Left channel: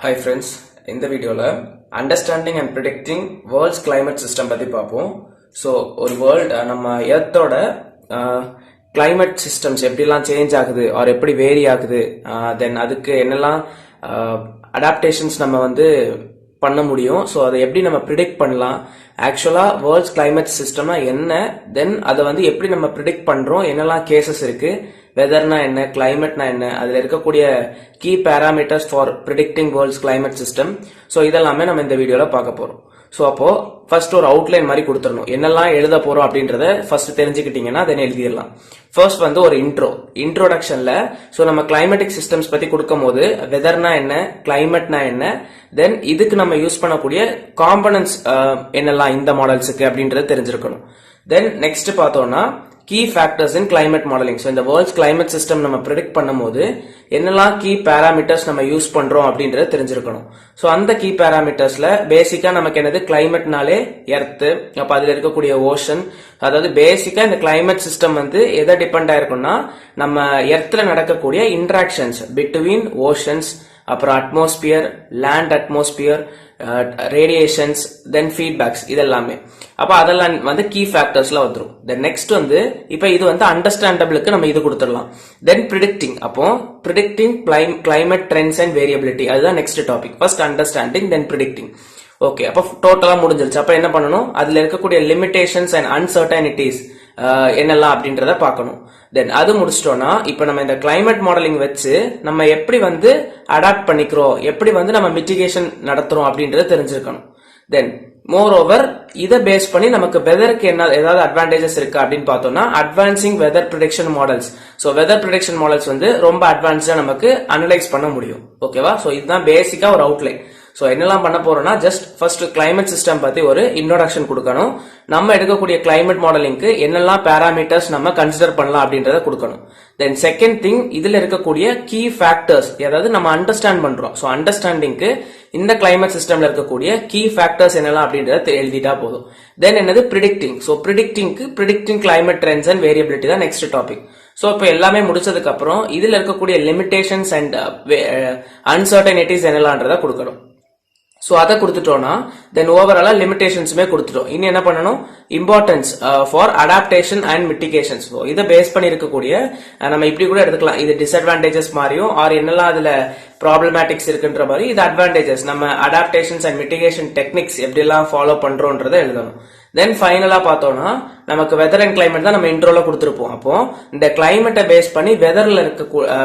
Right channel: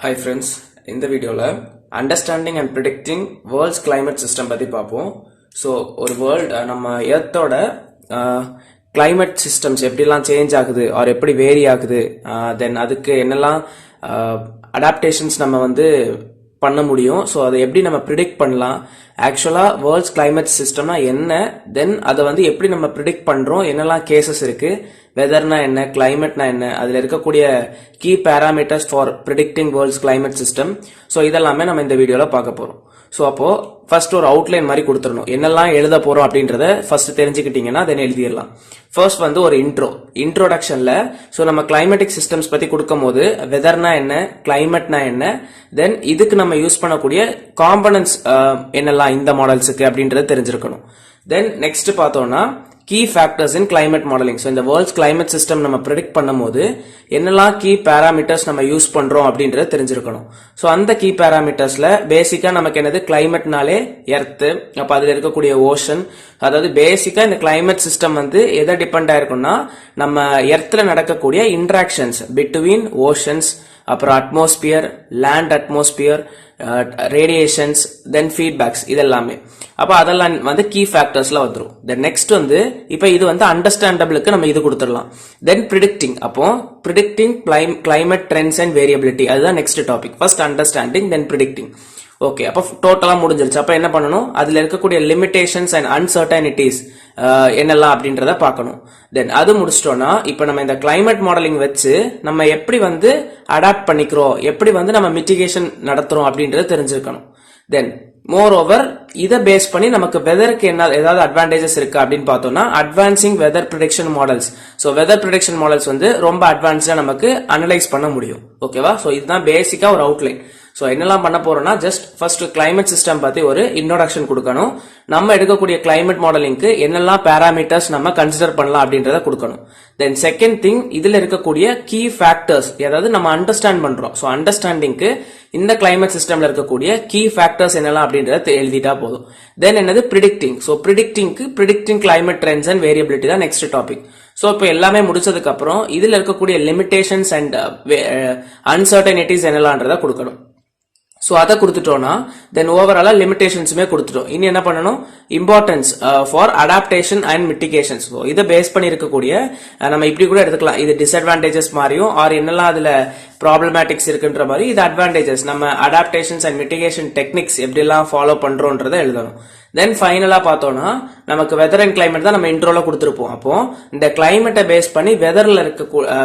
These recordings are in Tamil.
Hi friends, இந்த வீடியோல understanding and predicting world's climate system பத்தி பார்ப்போம். ஸோ ஒரு வேர்ல்ட் நம்ம எர்த்தோட கிளைமேட் சிஸ்டம்ஸ் எப்படிலாம் சேஞ்ச் ஆகுது ஆர் எப்படி வேரி ஆகுது, தென் அதுக்கு என்னெல்லாம் அடாப்டேஷன்ஸ் நம்ம பண்ண முடியும், ஸோ அதை எப்படி நம்ம ப்ரிடிக்ட் பண்ணலாம், ஆக்சுவலா வேர்ல்ட்ஸ் கிளைமேட் சிஸ்டம்னா என்ன, தென் அதை எப்படி நம்ம ப்ரிடிக்ட் பண்றோம், என்னெல்லாம் கேசஸ் இருக்கு, வெதர்னா என்ன, கிளைமேட்னா என்ன, அதுல இருக்கக்கூடிய key parameters for predicting world's climate system. So இதெல்லாமே நம்ம இந்த வீடியோல பார்க்க போறோம். ஸோ அப்போ ஃபர்ஸ்ட் ஒரு அவுட்லைன் மாதிரி கொடுத்துடணும், என்னெல்லாம் எழுத போறோம் அப்படின்றத ஃபர்ஸ்ட் தெரிஞ்சுக்கிட்டீங்கன்னா தென் எழுதிடலாம். ஃபர்ஸ்ட் ஒரு இன்ட்ரோடக்ஷன்ல ஸோ நம்ம கிளைமேட்டிக் சிஸ்டம்ஸ் பத்தி கொடுக்கும் போது வெதர்னா என்ன, கிளைமேட்னா என்ன, தென் இதுக்கு நம்ம யூஸ் பண்ணக்கூடிய காம்பனன்ட்ஸ் என்னெல்லாம் இந்த மாடல்ஸுக்கு அப்படின்றத தெரிஞ்சிருக்கணும். தென் நெக்ஸ்ட் பார்த்தோம்னா key factors in climate modelling. So இந்த வேர்ல்ட்ஸ் கிளைமேட் சிஸ்டம் நம்ம ப்ரிடிக்ட் பண்ணும்போது என்னெல்லாம் கீ பேராமீட்டர்ஸ் நம்ம யூஸ் பண்றோம் அப்படின்றத தெரிஞ்சிருக்கணும். ஸோ அந்த கீ பேராமீட்டர்ஸ்ல பேசிக்கா நமக்கு என்னது, கிளைமேட்னாலே எர்த்து, அப்ப அதுல இருக்கக்கூடிய ஓஷன், அதாவது பேசிக்கா இந்த கிளைமேட் சிஸ்டம் எதை டிபெண்ட் ஆயிருக்கும்னா நம்ம எர்த்ல நடக்கக்கூடிய இன்டராக்ஷன்ஸ் பிட்வீன் ஓஷன்ஸ், அப்புறம் அட்மாஸ்பியர், லேண்ட் அட்மாஸ்பியர், ரேடியேஷன்ஸ், தென் ஃபீட்பேக்ஸ், இதெல்லாமே. அப்ப அதெல்லாம் கீ ஃபேக்டர்ஸ்ல வந்துரும். தென் நெக்ஸ்ட் இப்ப இது அண்டர்ஸ்டாண்டபிளுக்கு நம்ம இது கொடுத்துடலாம். தென் ப்ரிடிக்டிங், அப்போ predicting climate trends and variability, அதுதான் நெக்ஸ்ட் டாபிக். ஃபர்ஸ்ட் அண்டர்ஸ்டாண்டிங், தென் ப்ரிடிக்டிங். ஓகே, அப்ப டோட்டலா முடிஞ்சிருச்சு. அப்ப என்ன பண்ணணும், அதுல இருக்கக்கூடிய லிமிடேஷன்ஸ் அண்ட் அன்சர்டனிட்டிஸ் என்னெல்லாம் அப்படின்றத பார்க்கணும். தென் அது முடிச்சிட்டோம்னா இப்ப நம்ம இந்த கிளைமேட் மாடலிங் வச்சு நம்ம எப்படி அடாப்ட் பண்ணிக்கிறோம், எப்படி நம்ம மிட்டிகேஷன் நடத்துறோம் அப்படின்றத தெரிஞ்சிருக்கணும். தென் மோர் ஓவர் இதை பேஸ் பண்ணி நமக்கு வெதருக்கு என்ன ஏதாவது அட்வான்டேஜஸ் இருக்கு அப்படின்னு பார்த்தோம்னா advancing weather prediction models. So weather prediction models ரொம்ப அட்வான்ஸ்டா நமக்கு அனலைஸ் பண்ண முடியும். ஓகேவா? ஸோ இதுதான் பேசிக்கா ஒரு அவுட்லைன். ஸோ என்னெல்லாம் பண்ண போறோம்னா ஜஸ்ட் ஃபர்ஸ்ட் கிளைமேட் சிஸ்டம் பத்தி ஒரு இன்ட்ரோடக்ஷன் கொடுக்கணும். நம்ம எடுக்கக்கூடிய கிளைமேட் மாடலிங்க்கு என்னெல்லாம் பேராமீட்டர்ஸ் நம்ம கன்சிடர் பண்ணலாம் அப்படின்றத கொடுக்கணும். தென் செகண்ட் திங், இதுல இருக்கக்கூடிய கீ ஃபேக்டர்ஸ், அதாவது நம்ம அண்டர்ஸ்டாண்ட் பண்றோம். ஸோ அண்டர்ஸ்டாண்டிங்க்கு இந்த கிளைமேட் சிஸ்டம்ல இருக்கக்கூடிய கீ ஃபேக்டர்ஸ் என்னெல்லாம் அப்படின்றத எழுதிட்டா போதும். தென் என்னது predicting. So predicting climate trends and variability தான் நெக்ஸ்ட் டாபிக். ஸோ இப்போ எல்லாமே முடிச்சதுக்கு அப்புறம் இதுல இருக்கக்கூடிய லிமிடேஷன்ஸ் அண்ட் அன்சர்டனிட்டிஸ் என்னெல்லாம்ன்றத கொடுக்கணும். ஸோ அதை கொடுத்துட்டோம்னா தென் ஓவராலா லிமிடேஷன்ஸுமே கொடுத்துட்டோம். இனி என்ன பண்ணணும், இம்பார்ட்டன்ஸ் ஃபார் அடாப்டேஷன் அண்ட் மிட்டிகேஷன்ஸ். இதை பேஸ் பண்ணி இருக்கக்கூடிய நம்ம இப்படி கூட எடுத்துக்கலாம், இது டிஸ்அட்வான்டேஜஸ் மாதிரியும் ஆர் என்னெல்லாம் அதுல ப்ராப்ளமேட்டிக்ஸ் இருக்குன்ற மாதிரி, இது அட்வான்டேஜஸ், நம்ம அடாப்டேஷன்ஸ் அண்ட் மிட்டிகேஷன் டெக்னிக்ஸ் எப்படி எல்லாம் ஃபாலோ பண்றோன்றதை எழுதணும். தென் ஃபைனலா பார்த்தோம்னா நமக்கு வெதர் அண்ட் கிளைமேட் தான் நம்ம இன்ட்ரோல கொடுத்துருப்போம். அப்போ இந்த கிளைமேட்டை பேஸ் பண்ணி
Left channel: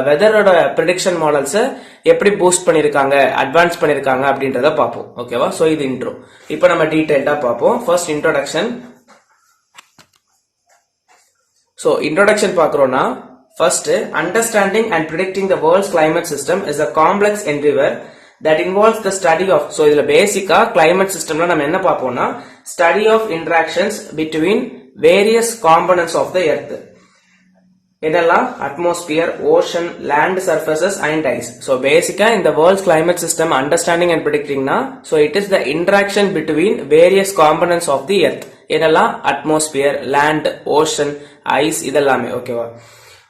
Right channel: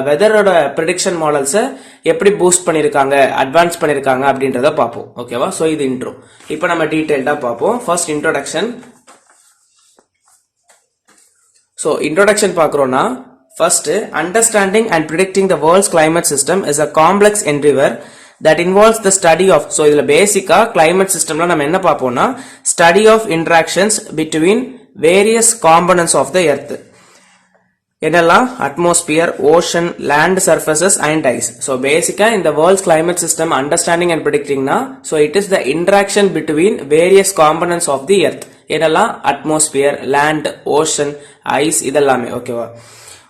வெதரோட ப்ரிடிக்ஷன் மாடல்ஸ் எப்படி பூஸ்ட் பண்ணிருக்காங்க, அட்வான்ஸ் பண்ணிருக்காங்க அப்படின்றத பார்ப்போம். ஓகேவா? சோ இது இன்ட்ரோ. இப்போ நம்ம டீடைல்டா பார்ப்போம். First introduction. சோ இன்ட்ரோடக்ஷன் பார்க்கறோம்னா first understanding and predicting the world's climate system is a complex endeavor that involves the study of. so இதுல பேசிக்கா கிளைமேட் சிஸ்டம்ல நம்ம என்ன பார்ப்போம்னா study of interactions between various components of the earth. என்னெல்லாம், atmosphere, ocean, land surfaces and ice. So பேசிக்கா இந்த world's climate system understanding and ப்ரிடிக்டிங்னா so it is the interaction between various components of the earth. என்னெல்லாம், அட்மாஸ்பியர், லேண்ட், ஓஷன், ஐஸ், இதெல்லாமே. ஓகேவா?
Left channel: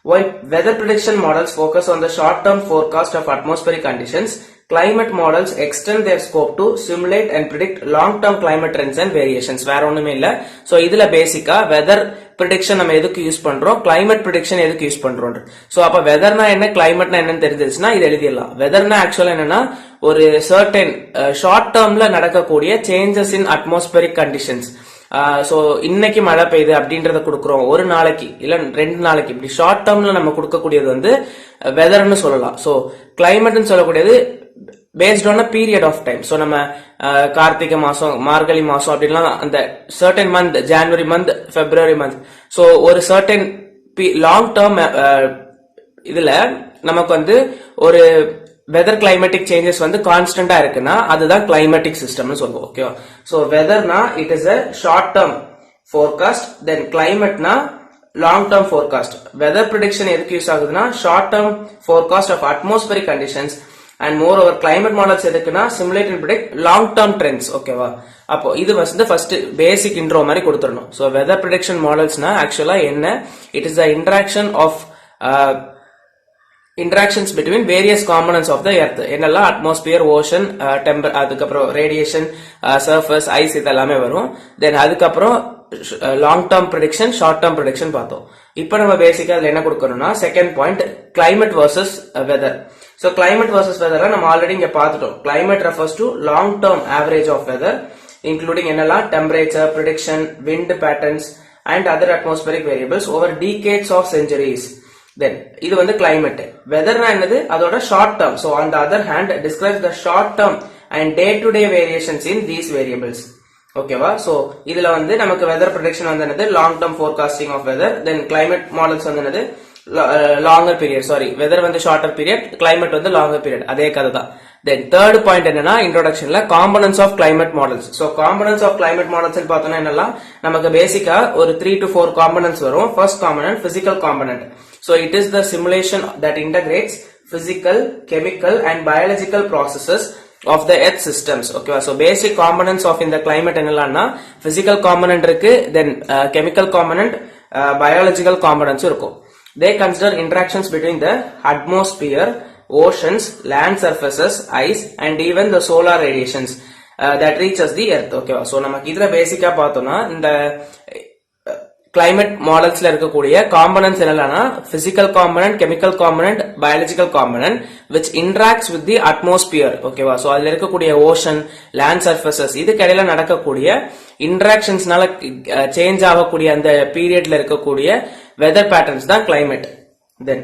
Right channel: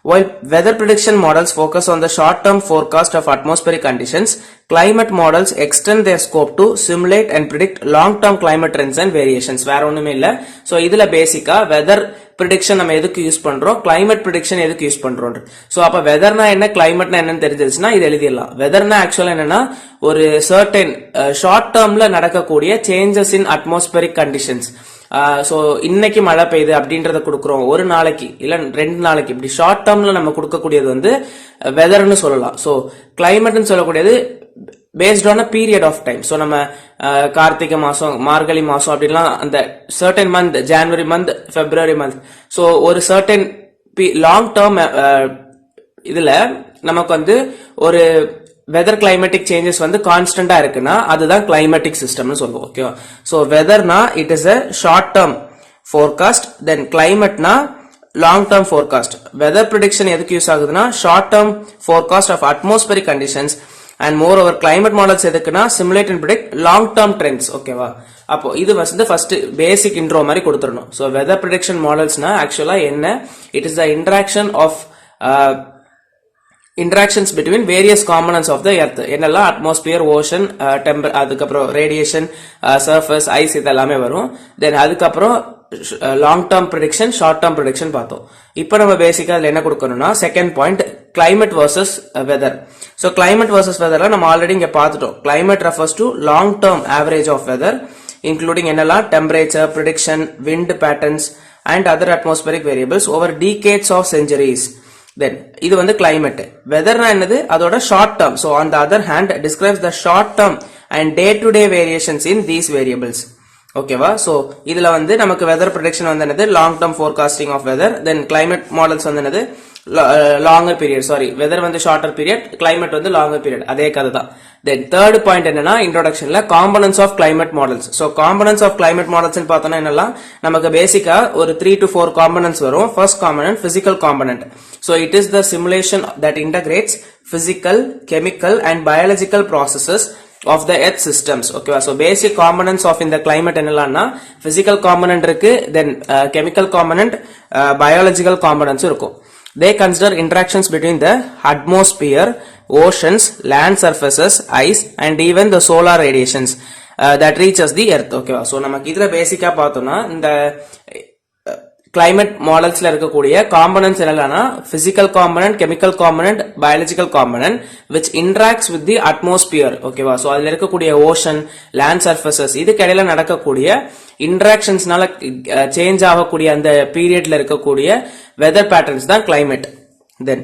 While weather prediction models focus on the short-term forecast of atmospheric conditions, climate models extend their scope to simulate and predict long-term climate trends and variations. வேற ஒண்ணுமே இல்ல. சோ இதுல பேசிக்கா வெதர் ப்ரிடிக்ஷன் நம்ம எதுக்கு யூஸ் பண்றோம், கிளைமேட் ப்ரிடிக்ஷன் எதுக்கு யூஸ் பண்றோம். சோ அப்ப வெதர்னா என்ன, கிளைமேட்னா என்னன்னு தெரிஞ்சிருச்சுன்னா இது எழுதிடலாம். வெதர்னா ஆக்சுவலா என்னன்னா ஒரு சர்டன் ஷார்ட் டேர்ம்ல நடக்கக்கூடிய changes in atmospheric conditions. So இன்னைக்கு மழை பெய்யுது அப்படின்றத கொடுக்கறோம், ஒரு நாளைக்கு இல்ல 2 நாளைக்கு, இப்படி ஷார்ட் டேர்ம்ல நம்ம கொடுக்கக்கூடியது வெதர்னு சொல்லலாம். சோ கிளைமேட்னு சொல்லக்கூடியது based on period of time. So நம்ம கார்த்திகை மாசம், மார்கழி மாசம் அப்படிலாம் அந்த certain month, January month, February month, so ஒரு சர்டன் லாங் டேர்ம் இதுல நமக்கு ஒரு வெதர் கிளைமேட்டிக் சேஞ்சஸ் கான்ஸ்டன்டா இருக்குன்னா அதுதான் கிளைமேட்டிக் சிஸ்டம்னு சொல்லுவோம். ஓகேவா? சோ வெதர்னா it is a short term forecast, then கிளைமேட்னா long term forecast. Weather prediction எதுக்கு யூஸ் ஆகுதுன்னா short term forecast of atmospheric conditions and moreover climate models எதுக்குன்னா simulate and predict long term trends. ஓகேவா? அப்போ இது ஃபர்ஸ்ட் பேசிக் இன்ட்ரோ மாதிரி கொடுத்துடணும். சோ வெதர் ப்ரிடிக்ஷன் மாடல்ஸ்னா ஆக்சுவலா என்ன, it is the interaction of interactions between various components of the earth என்னெல்லாம் atmosphere, ocean, அதுக்கப்புறம் radiation, surface, ice இதெல்லாமே வரும். then அதுக்கப்புறம் long term prediction, short term prediction பார்த்தோம். இப்போ நம்ம பேசிக்கா அதுல என்ன கொடுக்கணும்னா second point climate versus weather. so climate versus weather நம்ம ஆல்ரெடி இங்க பார்த்துட்டோம். climate refers to long term average of weather including என்னெல்லாம் temperature, prediction, wind patterns and other atmospheric variables over decades of centuries. then இது வந்து climate. weather na என்னது அதோட short term. so on the other hand describes the short term and day to day variations in these variables. ஓகேவா? so இதுல வந்து நமக்கு weather prediction வந்து என்னது long term forecasting of weather. then climate models வந்து என்னது longer period. sorry weather வந்து shorter period, climate வந்து longer period. அதே கதை தான். then third point என்னன்னா introductionல components of climate models. so components of climate models னு பார்த்தோம்னா என்னெல்லாம் நமக்கு பேசிக்கா ஒரு 3 to 4 components வரும். first component physical component. so it is the simulation that integrates physical, chemical and biological processes of the earth systems. okay so basic components of in the climate என்னெல்லாம்னா physical component இருக்கு, then chemical component, biological components இருக்கும். they consider interactions between the atmosphere, oceans, land surfaces, ice and even the solar radiations that reaches the earth. okay so நமக்கு இதுல பேசிக்கா பார்த்தோம்னா இந்த climate modelsல இருக்கக்கூடிய components என்னெல்லாம்னா physical component, chemical component, biological component which interacts with the atmosphere. ஓகேவா? so அதுல இருக்கக்கூடிய ocean, land surfaces இதுக்கு இடையில நடக்கக்கூடிய interactionsனால சேஞ்ச் ஆகக்கூடிய அந்த பீரியட்ல இருக்கக்கூடிய weather patterns தான் climate. then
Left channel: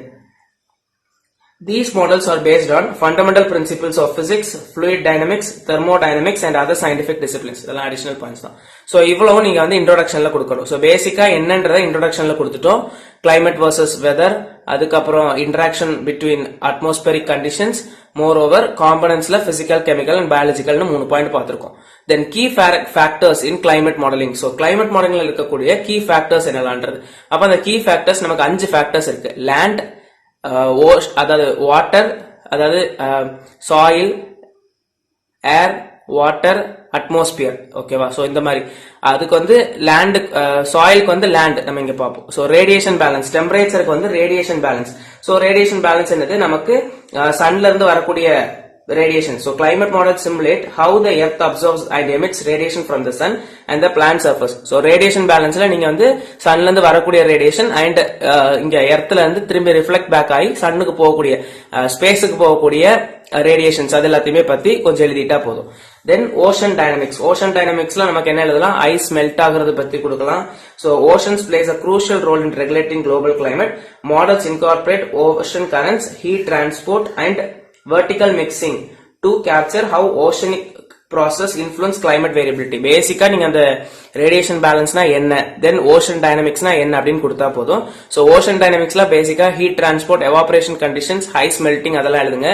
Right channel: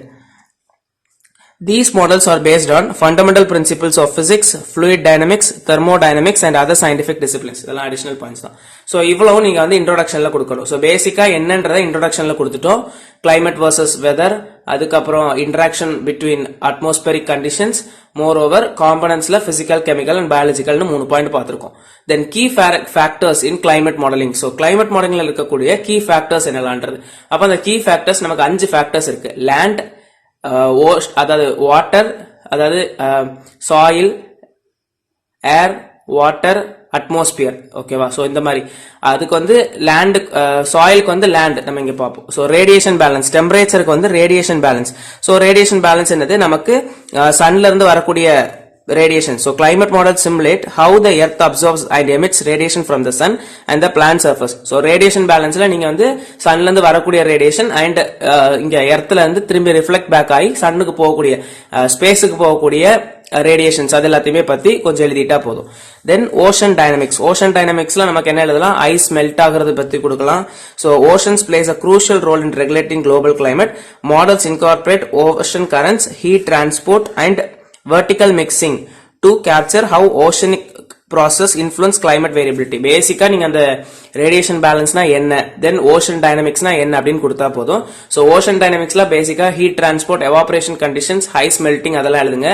these models are based on fundamental principles of physics, fluid dynamics, thermodynamics and other scientific disciplines. இதெல்லாம் additional points தான். so இவ்வளவு நீங்க வந்து introductionல கொடுக்கணும். so பேசிக்கா என்னன்றதை introductionல கொடுத்துட்டோம். climate versus weather, அதுக்கப்புறம் interaction between atmospheric conditions, moreover componentsல physical, chemical and biological னு 3 பாயிண்ட் பார்த்திருக்கோம். then key factors in climate modeling. so climate modelingல இருக்கக்கூடிய key factors என்னலாம்ன்றது. அப்ப அந்த key factors நமக்கு 5 factors இருக்கு. land, அதாவது வாட்டர், அதாவது சாயில், ஏர், வாட்டர், அட்மாஸ்பியர். ஓகேவா? சோ இந்த மாதிரி அதுக்கு வந்து லேண்ட், சாயிலுக்கு வந்து லேண்ட் நம்ம இங்க பார்ப்போம். சோ ரேடியேஷன் பேலன்ஸ், டெம்பரேச்சருக்கு வந்து radiation balance. So radiation balance என்னது நமக்கு சன்ல இருந்து வரக்கூடிய radiation. so climate models simulate how the earth absorbs and emits radiation from the sun and the plant surface. so radiation balanceல நீங்க வந்து sunல இருந்து வரக்கூடிய radiation and இங்க earthல இருந்து திரும்பி reflect back ஆகி sunனுக்கு போகக்கூடிய ஸ்பேஸ்க்கு போகக்கூடிய radiations அது எல்லாத்தையுமே பத்தி கொஞ்சம் எழுதிட்டா போதும். then ocean dynamics. ocean dynamicsல நமக்கு என்ன எழுதலாம்? ice melt ஆகிறது பத்தி கொடுக்கலாம். so oceans plays a crucial role in regulating global climate. models incorporate ocean currents, heat transport and vertical mixing to capture how oceanic process influence climate variability. பேசிக்கா நீங்க அந்த radiation balance னா என்ன, then ocean dynamics னா என்ன அப்படினு கொடுத்தா போதும். so ocean dynamicsல பேசிக்கா heat transport, evaporation conditions, ice melting அதெல்லாம் எழுதுங்க.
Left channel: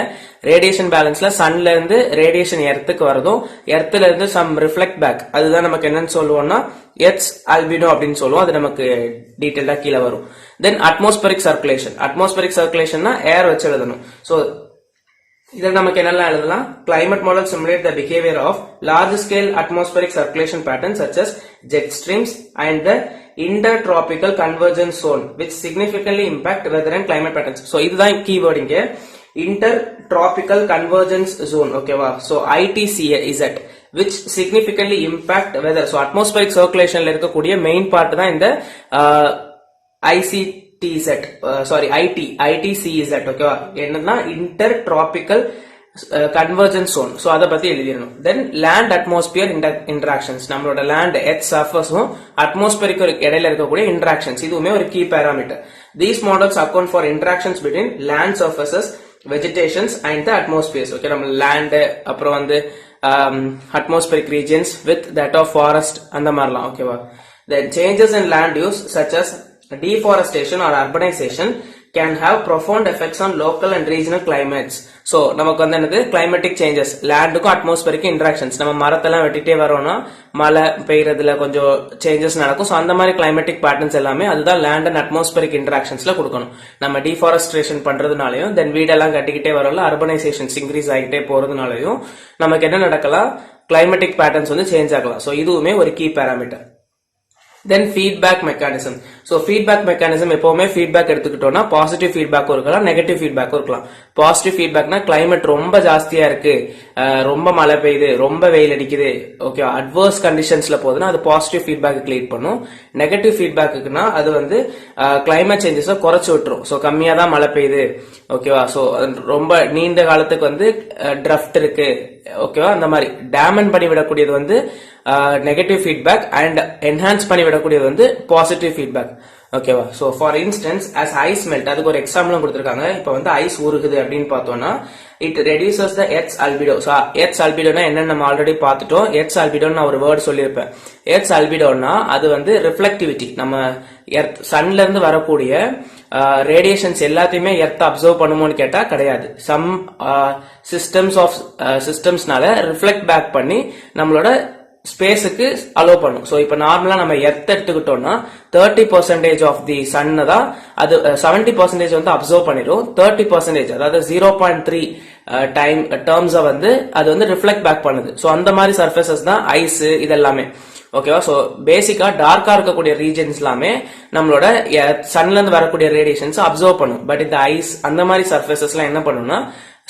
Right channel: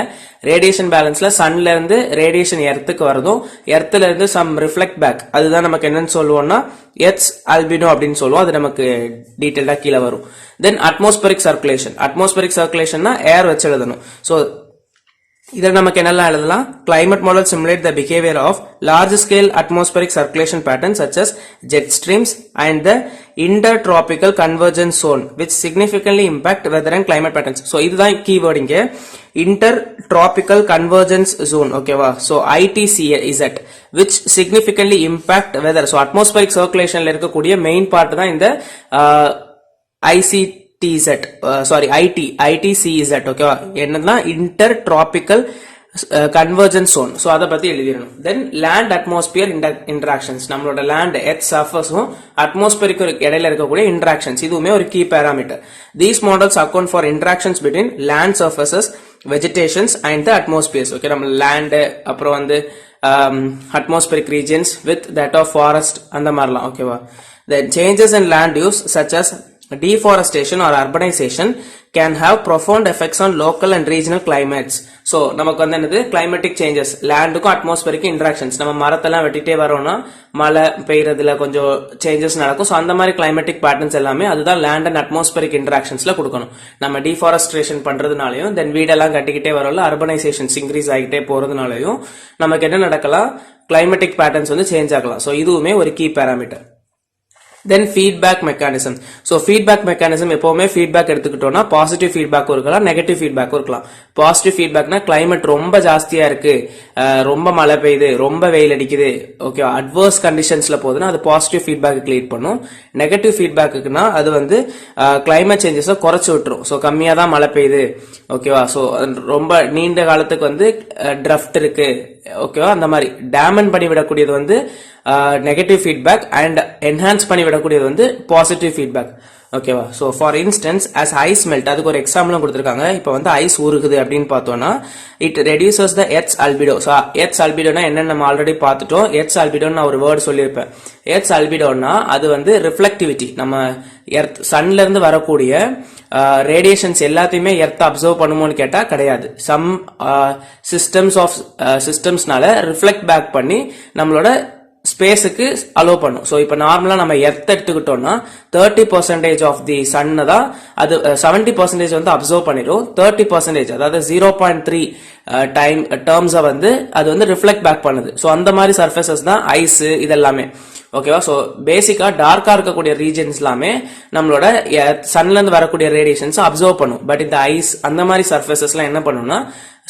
radiation balanceல sunல இருந்து radiation earthக்கு வரதும், earthல இருந்து some reflect back அதுதான் நமக்கு என்னன்னு சொல்லுவோம்னா earth's albedo அப்படினு சொல்லுவோம். அது நமக்கு டீடைலா கீழ வரும். then atmospheric circulation. atmospheric circulation னா air வச்சு எழுதணும். so இதில் நமக்கு என்னெல்லாம் எழுதலாம்? climate models simulate the behavior of large scale atmospheric circulation patterns such as jet streams and the intertropical convergence zone which significantly impact weather and climate patterns. so இதுதான் keyword இங்க intertropical convergence zone. ஓகேவா? so ITCZ which significantly impact weather. so atmospheric circulationல இருக்கக்கூடிய main part தான் இந்த ITCZ. ஓகேவா? என்னன்னா intertropical convergence zone. so அத பத்தி எழுதிரணும். then land atmosphere interactions. நம்மளோட land earth surface உம் atmospheric இடையில இருக்கக்கூடிய interactions இதுவுமே ஒரு key parameter. these models account for interactions between land surfaces, vegetations and the atmospheres. okay நம்ம land அப்புறம் வந்து atmospheric regions with that of forest அந்த மாதிரிலாம். ஓகேவா? then changes in land use such as deforestation or urbanization can have profound effects on local and regional climates. so நமக்கு வந்து என்னது climatic changes, landக்கும் atmospheric interactions. நம்ம மரத்தெல்லாம் வெட்டிட்டே வரோம்னா மழை பெய்யறதுல கொஞ்சம் changes நடக்கும். so அந்த மாதிரி climatic patterns எல்லாமே அதுதான் land and atmospheric interactionsல கொடுக்கணும். நம்ம deforestation பண்றதுனாலயும் then வீடெல்லாம் கட்டிக்கிட்டே வரோம்ல, urbanizations increase ஆகிட்டே போறதுனாலயும் நமக்கு என்ன நடக்கலாம்? climatic patterns வந்து சேஞ்ச் ஆகலாம். so இதுவுமே ஒரு key parameter. Then feedback mechanism. So feedback mechanism எப்பவுமே ஃபீட்பேக் எடுத்துக்கிட்டோம்னா பாசிட்டிவ் ஃபீட்பேக்கும் இருக்கலாம், நெகட்டிவ் ஃபீட்பேக்கும் இருக்கலாம். பாசிட்டிவ் ஃபீட்பேக்னா கிளைமேட் ரொம்ப ஜாஸ்தியா இருக்கு, ரொம்ப மழை பெய்யுது, ரொம்ப வெயில் அடிக்குது, ஓகே, அட்வர்ஸ் கண்டிஷன்ஸ்ல போகுதுன்னா அது பாசிட்டிவ் ஃபீட்பேக் லீட் பண்ணும். நெகட்டிவ் ஃபீட்பேக்குன்னா அது வந்து கிளைமேட் சேஞ்சஸை குறைச்சு விட்டுரும். ஸோ கம்மியா தான் மழை பெய்யுது, ஓகேவா, ஸோ ரொம்ப நீண்ட காலத்துக்கு வந்து ட்ரஃப்ட் இருக்கு, ஓகேவா, அந்த மாதிரி டேமன் பண்ணி விடக்கூடியது வந்து நெகட்டிவ் ஃபீட்பேக் அண்ட் என்ஹான்ஸ் பண்ணி விடக்கூடியது வந்து பாசிட்டிவ் ஃபீட்பேக், ஓகேவா. So for instance as ice melt, அதுக்கு ஒரு எக்ஸாம்பிளும் கொடுத்துருக்காங்க. இப்போ வந்து ஐஸ் உருகுது அப்படின்னு பார்த்தோம்னா it reduces the earth's albedo. So earth's அல்பிடோனா என்னன்னு நம்ம ஆல்ரெடி பார்த்துட்டோம். எர்த்ஸ் அல்பிடோன்னு நான் ஒரு வேர்டு சொல்லியிருப்பேன். எர்த்ஸ் அல்பிடோனா அது வந்து ரிஃப்ளெக்டிவிட்டி, நம்ம எர்த் சன்ல இருந்து வரக்கூடிய ரேடியேஷன்ஸ் எல்லாத்தையுமே எர்த் அப்சர்வ் பண்ணுமோன்னு கேட்டா கிடையாது. சம் சிஸ்டம்ஸ்னால ரிஃப்ளெக்ட் பேக் பண்ணி நம்மளோட ஸ்பேஸுக்கு அலோ பண்ணும். ஸோ இப்போ நார்மலா நம்ம எர்த் எடுத்துக்கிட்டோம்னா 30% ஆஃப் தி சன் தான் அது 70% வந்து அப்சர்வ் பண்ணிடும். 30% அதாவது 0.3 டைம் டேர்ம்ஸை வந்து அது வந்து ரிஃப்ளெக்ட் பேக் பண்ணுது. ஸோ அந்த மாதிரி சர்ஃபேசஸ் தான் ஐஸ் இதெல்லாமே, ஓகேவா. ஸோ பேசிக்கா டார்க்கா இருக்கக்கூடிய ரீஜன்ஸ் எல்லாமே நம்மளோட சன்ல இருந்து வரக்கூடிய ரேடியேஷன்ஸ் அப்சர்வ் பண்ணும். பட் இந்த ஐஸ் அந்த மாதிரி சர்ஃபேசஸ்லாம் என்ன பண்ணும்னா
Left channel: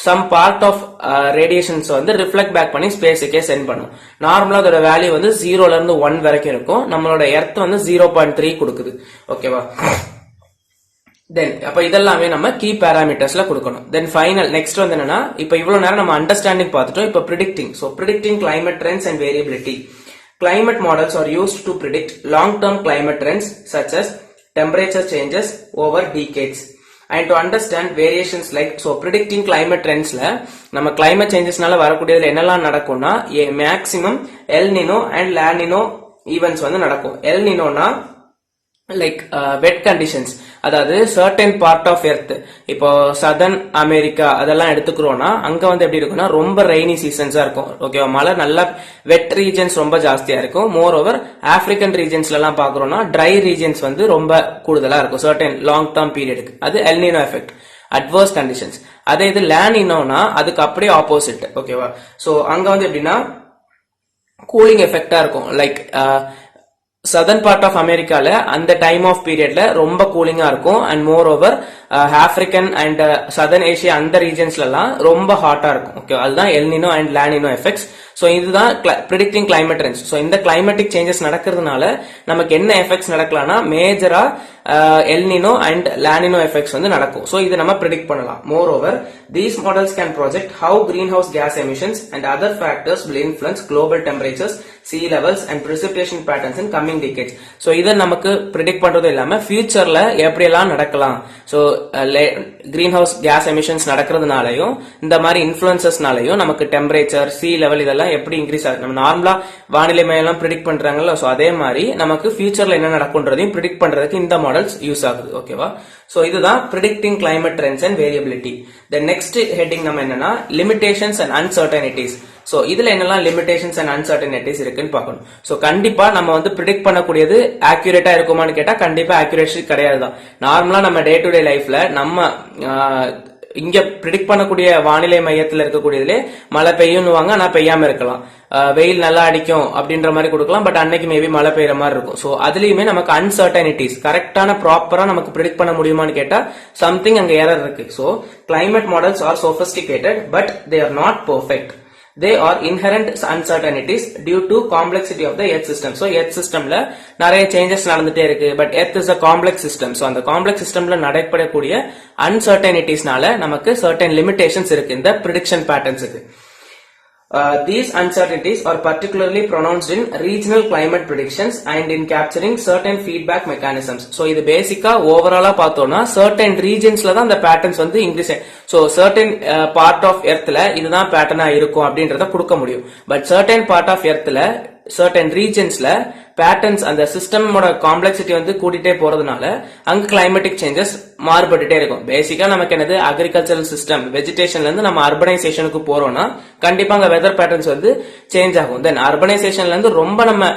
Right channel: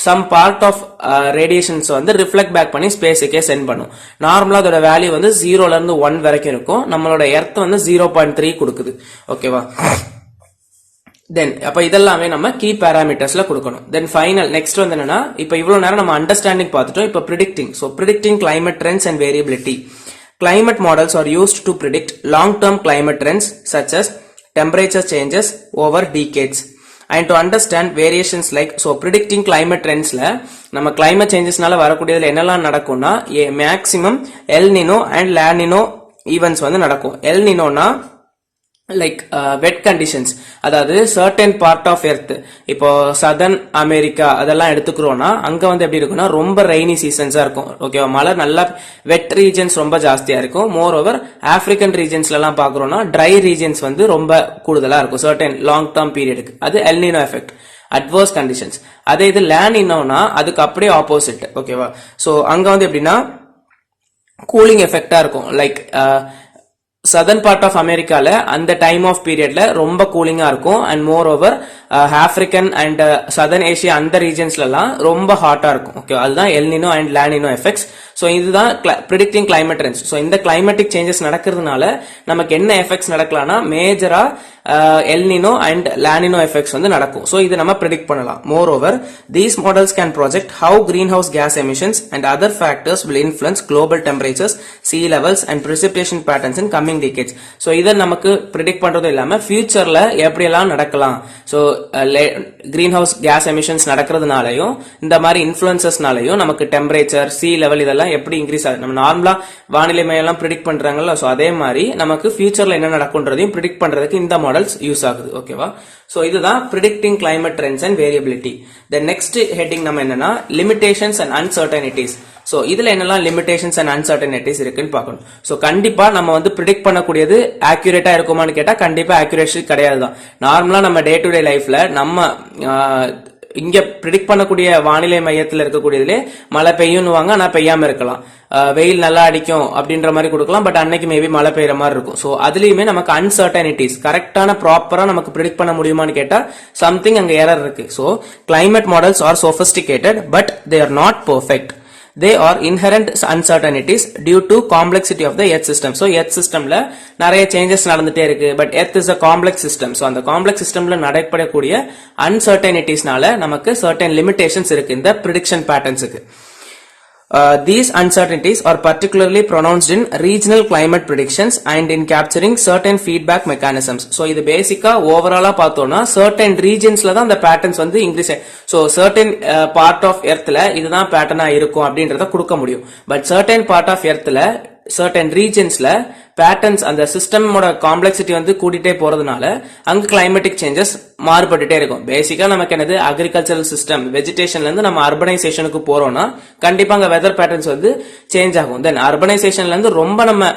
சம் பார்ட் ஆஃப் ரேடியேஷன்ஸ் வந்து ரிஃப்ளெக்ட் பேக் பண்ணி ஸ்பேஸுக்கே சென்ட் பண்ணும். நார்மலா அதோட வேல்யூ வந்து 0ல இருந்து 1 வரைக்கும் இருக்கும். நம்மளோட எர்த் வந்து 0.3 கொடுக்குது, ஓகேவா. தென் அப்ப இதெல்லாமே நம்ம கீ பேராமீட்டர்ஸ்ல கொடுக்கணும். தென் ஃபைனல் நெக்ஸ்ட் வந்து என்னன்னா, இப்ப இவ்வளவு நேரம் நம்ம அண்டர்ஸ்டாண்டிங் பார்த்துட்டோம். இப்ப predicting. So predicting climate trends and variability. Climate models are used to predict long-term climate trends such as temperature changes over decades. And to understand variations like, so predicting climate trends la நம்ம climate changesனால வரக்கூடியதுல என்னெல்லாம் நடக்கும்னா maximum L Nino and La Nino events வந்து நடக்கும். எல் நினோனா லைக் வெட் கண்டிஷன்ஸ், அதாவது சர்டன் பார்ட் ஆஃப் எர்த், இப்போ சதர்ன் அமெரிக்கா அதெல்லாம் எடுத்துக்கிறோம்னா அங்க வந்து எப்படி இருக்குன்னா ரொம்ப ரெய்னி சீசன்ஸா இருக்கும், ஓகேவா. மழை நல்லா வெட் ரீஜன்ஸ் ரொம்ப ஜாஸ்தியா இருக்கும். மோர் ஓவர் ஆப்பிரிக்கன் ரீஜன்ஸ்ல எல்லாம் பாக்குறோம்னா ட்ரை ரீஜன்ஸ் வந்து ரொம்ப கூடுதலா இருக்கும் சர்டன் லாங் டேர்ம் பீரியடுக்கு. அது El Nino effect, adverse conditions. அதே இது லா நினோனா அதுக்கு அப்படியே ஆப்போசிட், ஓகேவா. சோ அங்க வந்து எப்படின்னா கூலிங் எஃபெக்டா இருக்கும். லைக் சதர்ன் பார்ட் ஆஃப் அமெரிக்கால அந்த டைம் ஆஃப் பீரியட்ல ரொம்ப கூலிங்கா இருக்கும். And moreover African and southern Asia அந்த ரீஜன்ஸ்ல எல்லாம் ரொம்ப ஹாட்டா இருக்கும், ஓகே. அதுதான் El Nino and La Nino effects. So இதுதான் ப்ரிடிக்டிங் கிளைமேட் ட்ரெண்ட்ஸ். ஸோ இந்த கிளைமேட்டிக் சேஞ்சஸ் நடக்கிறதுனால நமக்கு என்ன எஃபெக்ட்ஸ் நடக்கலாம்னா மேஜரா El Nino and La Nino effects வந்து நடக்கும். ஸோ இது நம்ம ப்ரிடிக்ட் பண்ணலாம். Moreover these models can project how greenhouse gas emissions and other factors will influence global temperatures, sea levels and precipitation patterns in coming decades. So இதை நமக்கு predict பண்றது இல்லாம ஃபியூச்சர்ல எப்படியெல்லாம் நடக்கலாம். So greenhouse gas emissions நடக்கிறதுனாலையும் இந்த மாதிரி இன்ஃபுளுன்சஸ்னாலையும் நமக்கு டெம்பரேச்சர், sea level இதெல்லாம் எப்படி இன்க்ரீஸ் ஆகுது. நம்ம நார்மலா வானிலை மையம் ப்ரிடிக்ட் பண்றாங்கல்ல, ஸோ அதே மாதிரி நமக்கு ஃபியூச்சர்ல என்ன நடக்கும்ன்றதையும் ப்ரிடிக்ட் பண்றதுக்கு இந்த மாடல்ஸ் யூஸ் ஆகுது, ஓகேவா. ஸோ இதுதான் predicting climate trends and variability. Then next heading நம்ம என்னன்னா லிமிடேஷன்ஸ் அண்ட் அன்சர்டனிட்டிஸ். சோ இதுல என்னெல்லாம் லிமிடேஷன்ஸ் அண்ட் அன்சர்டனிட்டிஸ் இருக்குன்னு பார்க்கணும். சோ கண்டிப்பா நம்ம வந்து ப்ரிடிக்ட் பண்ணக்கூடியது ஆக்யூரேட்டா இருக்குமான்னு கேட்டா கண்டிப்பா ஆக்யூரேசி கிடையாது தான். நார்மலா நம்ம டே டு டே லைஃப்ல நம்ம இங்க ப்ரிடிக்ட் பண்ணக்கூடிய வானிலை மையத்தில் இருக்கக்கூடியதுல மழை பெய்யும்னுவாங்க, ஆனா பெய்யாம இருக்கலாம். வெயில் நல்லா அடிக்கும் அப்படின்ற மாதிரி கொடுக்கலாம், பட் அன்னைக்கு மேபி மழை பெய்யற மாதிரி இருக்கும். ஸோ அதுலயுமே நமக்கு அன்சர்டனிட்டிஸ் கரெக்டான ப்ராப்பரா நமக்கு ப்ரிடிக்ட் பண்ண முடியுமான்னு கேட்டா சம்திங் அங்க எரர் இருக்கு. So climate models are sophisticated but they are not perfect. They are inherent uncertainties due to complexity of the earth system. So earth systemல நிறைய changes நடந்துட்டே இருக்கு. But earth is a complex system. So அந்த complex systemல நடைபெறக்கூடிய uncertaintiesனால நமக்கு certain limitations இருக்கு இந்த prediction patternsக்கு. These uncertainties are particularly pronounced in regional climate predictions and in capturing certain feedback mechanisms. So இது பேசிக்கா ஓவராலா பார்த்தோம்னா certain regionsல தான் அந்த patterns வந்து increase. So certain part of earthல இதுதான் பேட்டர்னா இருக்கும் அப்படின்றத கொடுக்க முடியும். But certain part of earthல certain regionsல பேட்டர்ன்ஸ் அந்த சிஸ்டமோட காம்ப்ளெக்சிட்டி வந்து கூட்டிட்டே போறதுனால அங்க கிளைமேட்டிக் சேஞ்சஸ் மாறுபட்டுட்டே இருக்கும். பேசிக்கா நமக்கு என்னது அக்ரிகல்ச்சரல் சிஸ்டம் வெஜிடேஷன்ல இருந்து நம்ம அர்பனைசேஷனுக்கு போறோம்னா கண்டிப்பா அங்க வெதர் பேட்டர்ன்ஸ் வந்து சேஞ்ச் ஆகும். தென் அர்பனைசேஷன்ல இருந்து ரொம்ப நம்ம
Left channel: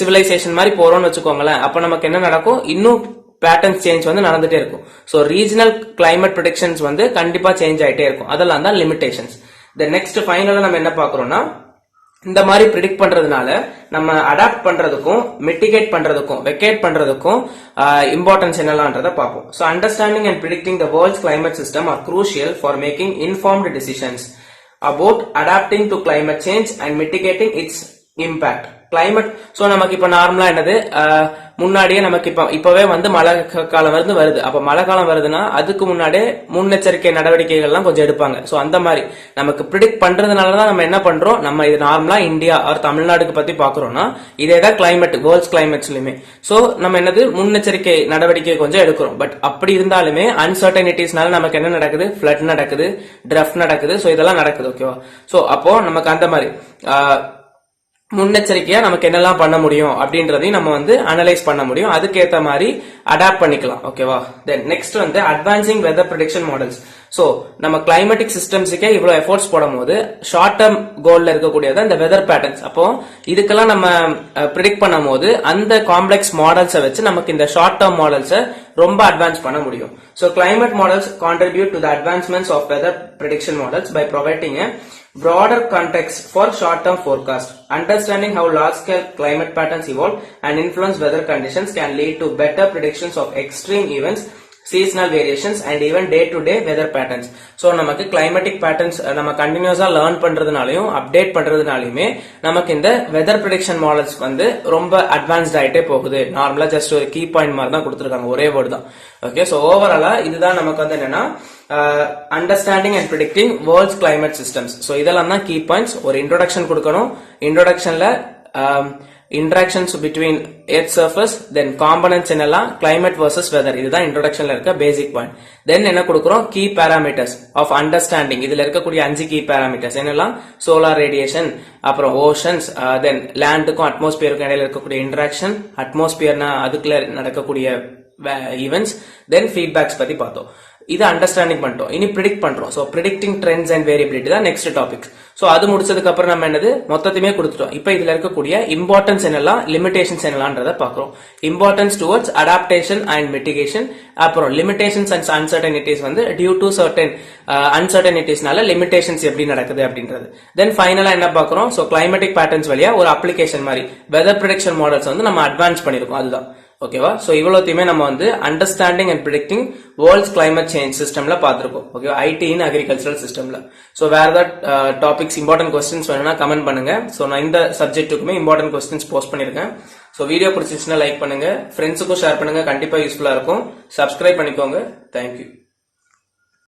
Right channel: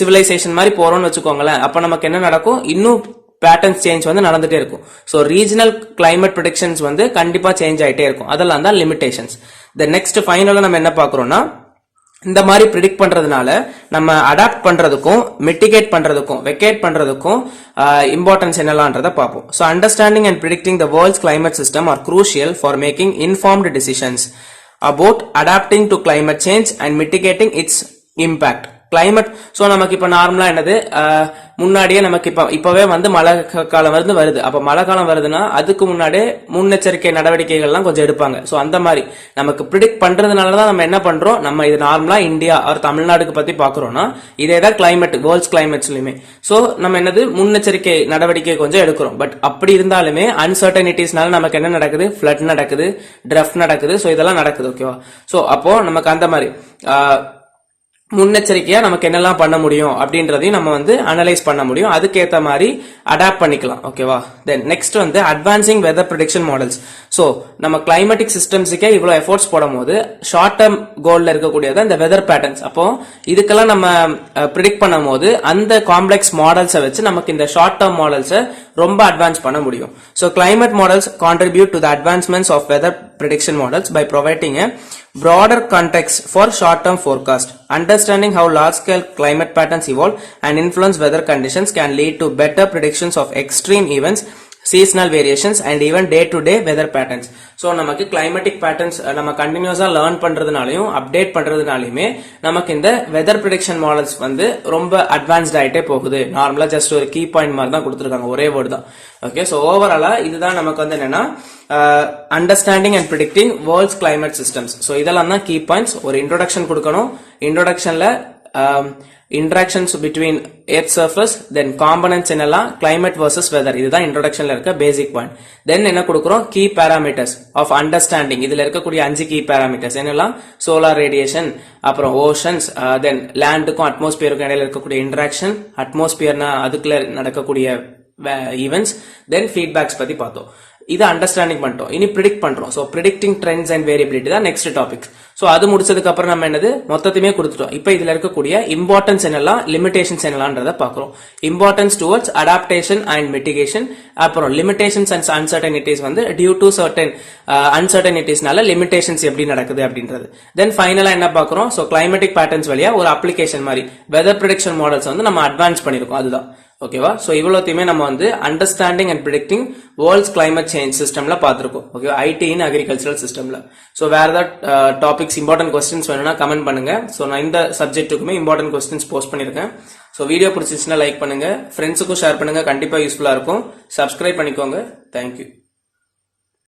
சிவிலைசேஷன் மாதிரி போறோம்னு வச்சுக்கோங்களேன், அப்ப நமக்கு என்ன நடக்கும், இன்னும் பேட்டர்ன்ஸ் சேஞ்ச் வந்து நடந்துட்டே இருக்கும். ஸோ ரீஜனல் கிளைமேட் ப்ரெடிக்ஷன்ஸ் வந்து கண்டிப்பா சேஞ்ச் ஆயிட்டே இருக்கும். அதெல்லாம் தான் லிமிடேஷன்ஸ். தென் நெக்ஸ்ட் ஃபைனலா நம்ம என்ன பாக்குறோம்னா இந்த மாதிரி ப்ரிடிக்ட் பண்றதுனால நம்ம அடாப்ட் பண்றதுக்கும் மிட்டிகேட் பண்றதுக்கும் வெக்கேட் பண்றதுக்கும் இம்பார்ட்டன்ஸ் என்னலான்றத பார்ப்போம். So understanding and predicting the world's climate system are crucial for making informed decisions about adapting to climate change and mitigating its impact. Climate so நமக்கு இப்ப நார்மலா என்னது முன்னாடியே நமக்கு இப்பவே வந்து மழை காலம் வருது. அப்ப மழை காலம் வருதுன்னா அதுக்கு முன்னாடியே முன்னெச்சரிக்கை நடவடிக்கைகள்லாம் கொஞ்சம் எடுப்பாங்க. சோ அந்த மாதிரி நமக்கு ப்ரிடிக்ட் பண்றதுனாலதான் நம்ம என்ன பண்றோம், நம்ம இது நார்மலா இந்தியா ஆர் தமிழ்நாடுக்கு பத்தி பாக்குறோம்னா இதேதான் கிளைமேட் வேர்ல்ட்ஸ் கிளைமேட்ஸ்லயுமே. சோ நம்ம என்னது முன்னெச்சரிக்கை நடவடிக்கை கொஞ்சம் எடுக்கிறோம். பட் அப்படி இருந்தாலுமே அன்சர்டனிட்டிஸ்னால நமக்கு என்ன நடக்குது, ஃபிளட் நடக்குது, டிரஃப்ட் நடக்குது. சோ இதெல்லாம் நடக்குது. ஓகேவா? சோ அப்போ நமக்கு அந்த மாதிரி முன்னெச்சரிக்கையா நமக்கு என்னெல்லாம் பண்ண முடியும் அப்படின்றதையும் நம்ம வந்து அனலைஸ் பண்ண முடியும். அதுக்கேற்ற மாதிரி அடாப்ட் பண்ணிக்கலாம். ஓகேவா? தென் நெக்ஸ்ட் வந்து advancing weather prediction models. So நம்ம கிளைமேட்டிக் சிஸ்டம்ஸுக்கே இவ்வளவு எஃபோர்ட்ஸ் போடும் போது ஷார்ட் டேர்ம் கோல்ல இருக்கக்கூடியது அந்த வெதர் பேட்டர்ன்ஸ். அப்போ இதுக்கெல்லாம் நம்ம ப்ரிடிக்ட் பண்ணும் போது அந்த காம்ப்ளெக்ஸ் மாடல்ஸை வச்சு நமக்கு இந்த ஷார்ட் டேர்ம் மாடல்ஸை ரொம்ப அட்வான்ஸ் பண்ண முடியும். So climate models contribute to the advancements of weather prediction models by providing a broader context for short-term forecast. Understanding how large-scale climate patterns evolve and influence weather conditions can lead to better predictions of extreme events, seasonal variations and even day-to-day weather patterns. So நமக்கு climatic patterns நம்ம கண்டினியூஸா லேர்ன் பண்றதுனாலயும் அப்டேட் பண்றதுனாலயுமே நமக்கு இந்த வெதர் ப்ரெடிக்ஷன் மாடல்ஸ் வந்து ரொம்ப அட்வான்ஸ்ட் ஆயிட்டே போகுது. நார்மலா ஜஸ்ட் ஒரு கீ பாயிண்ட் மாதிரி தான் கொடுத்துருக்காங்க, ஒரே வேர்டு தான். ஓகே, சோ ஓவராலா இதுதான் நமக்கு வந்து என்னன்னா understanding and predicting world's climate systems. So இதெல்லாம் தான் கீ பாயிண்ட்ஸ். ஒரு இன்ட்ரோடக்ஷன் கொடுக்கணும். இன்ட்ரோடக்ஷன்ல interactions between earth surface, then components என்னெல்லாம் climate versus weather, இதுதான் introductionல இருக்க basic point. then என்ன கொடுக்கிறோம், key parameters of understanding. இதுல இருக்கக்கூடிய 5 key parameters என்னெல்லாம், solar radiation, அப்புறம் oceans, then landக்கும் atmosphereக்கும் இடையில இருக்கக்கூடிய interaction, atmosphereனா அதுக்குள்ள நடக்கக்கூடிய events, then feedbacks பத்தி பார்த்தோம். இது அண்டர்ஸ்டாண்டிங் பண்ணிட்டோம். இனி ப்ரிடிக்ட் பண்றோம். So predicting trends and variability தான் நெக்ஸ்ட் டாபிக். சோ அது முடிச்சதுக்கு அப்புறம் நம்ம என்னது மொத்தத்தையுமே கொடுத்துட்டோம். இப்போ இதுல இருக்கக்கூடிய இம்பார்ட்டன்ஸ் என்னெல்லாம், லிமிடேஷன்ஸ் என்னெல்லாம்ன்றத பாக்குறோம். Importance towards adaptation and mitigation, அப்புறம் லிமிடேஷன்ஸ் அண்ட் அன்சர்டனிட்டிஸ் வந்து டியூ டு சர்டன் அன்சர்டனிட்டிஸ்னால லிமிடேஷன்ஸ் எப்படி நடக்குது அப்படின்றது. தென் ஃபைனலா என்ன பாக்குறோம், சோ கிளைமேட்டிக் பேட்டர்ன்ஸ் வழியா ஒரு அப்ளிகேஷன் மாதிரி வெதர் ப்ரெடிக்ஷன் மாடல்ஸ் வந்து நம்ம அட்வான்ஸ் பண்ணிருக்கோம். அதுதான் ஓகேவா. சோ இவ்வளவுத்தையுமே நம்ம வந்து understanding and predicting world's climate change சிஸ்டம்ல பாத்துருக்கோம். ஓகே, ஐடி இன் அக்ரிகல்ச்சரல் சிஸ்டம்ல. சோ வேற ஏதாவது டாபிக்ஸ் இம்பார்ட்டன்ட் கொஸ்டின்ஸ் வேணும்னா கமெண்ட் பண்ணுங்க. சோ நான் இந்த சப்ஜெக்ட்டுக்குமே இம்பார்ட்டன்ட் கொஸ்டின்ஸ் போஸ்ட் பண்ணிருக்கேன். சோ வீடியோ பிடிச்சிச்சுன்னா லைக் பண்ணுங்க, ஃப்ரெண்ட்ஸுக்கும் ஷேர் பண்ணுங்க, கண்டிப்பா யூஸ்ஃபுல்லா இருக்கும். சப்ஸ்கிரைப் பண்ணிக்கோங்க. தேங்க்யூ.